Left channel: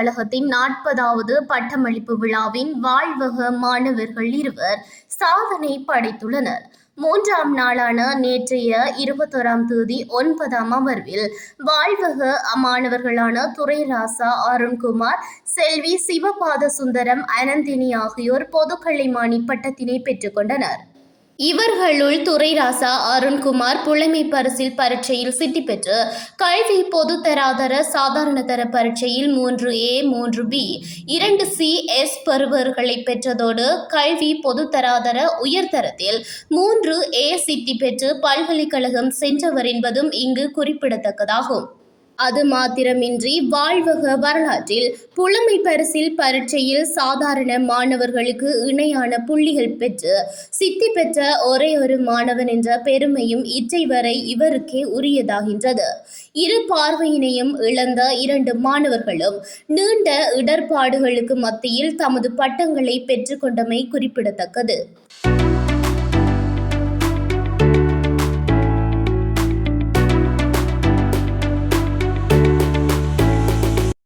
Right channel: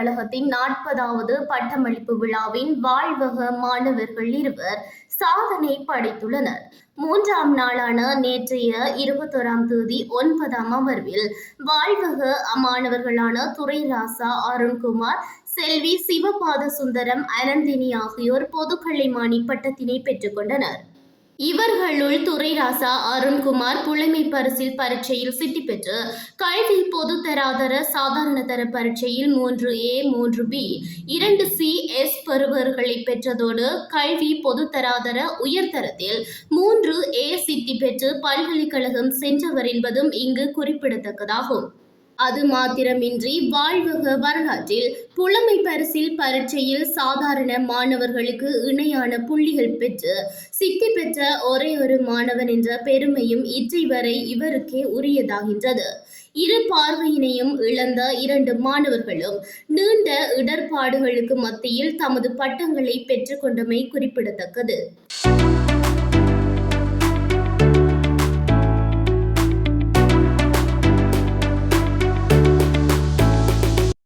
பல்கலைக்கழகத்தின் 40வது பட்டமளிப்பு விழாவின் வாழ்வக மாணவர்கள் இருவர் சாதனை படைத்துள்ளனர். 3ஆம் நாளான நேற்றைய 21ஆம் தேதி 9ஆம் அமர்வில் வாழ்வக மாணவர்களான துரைராசா அருண்குமார், செல்வி சிவபாத சுந்தரம், அனந்தினி ஆகியோர் பொதுக்கலைமானி பட்டத்தினை பெற்றுக் கொண்டனர். இவர்களுள் துரைராசா அருண்குமார் புலமை பரிசில் பரீட்சையில் சித்தி பெற்று கல்வி பொதுத்தராதர சாதாரண தர பரீட்சையில் 3A, 3B, 2CS பெறுபவர்களை பெற்றதோடு கல்வி பொதுத்தராதர உயர்தரத்தில் 3A சித்தி பெற்று பல்கலைக்கழகம் சென்றவர் என்பதும் இங்கு குறிப்பிடத்தக்கதாகும். அது மாத்திரமின்றி வாழ்வக வரலாற்றில் புலமை பரிசில் பரீட்சையில் சாதாரண மாணவர்களுக்கு இணையான புள்ளிகள் பெற்று சித்தி பெற்ற ஒரே ஒரு மாணவன் என்ற பெருமையும் இற்றை வரை இவருக்கே உரியதாகின்றது. இரு பார்வையினையும் இழந்த 2 மாணவர்களும் நீண்ட இடர்பாடுகளுக்கு மத்தியில் தமது பட்டங்களை பெற்றுக்கொண்டமை குறிப்பிடத்தக்கது.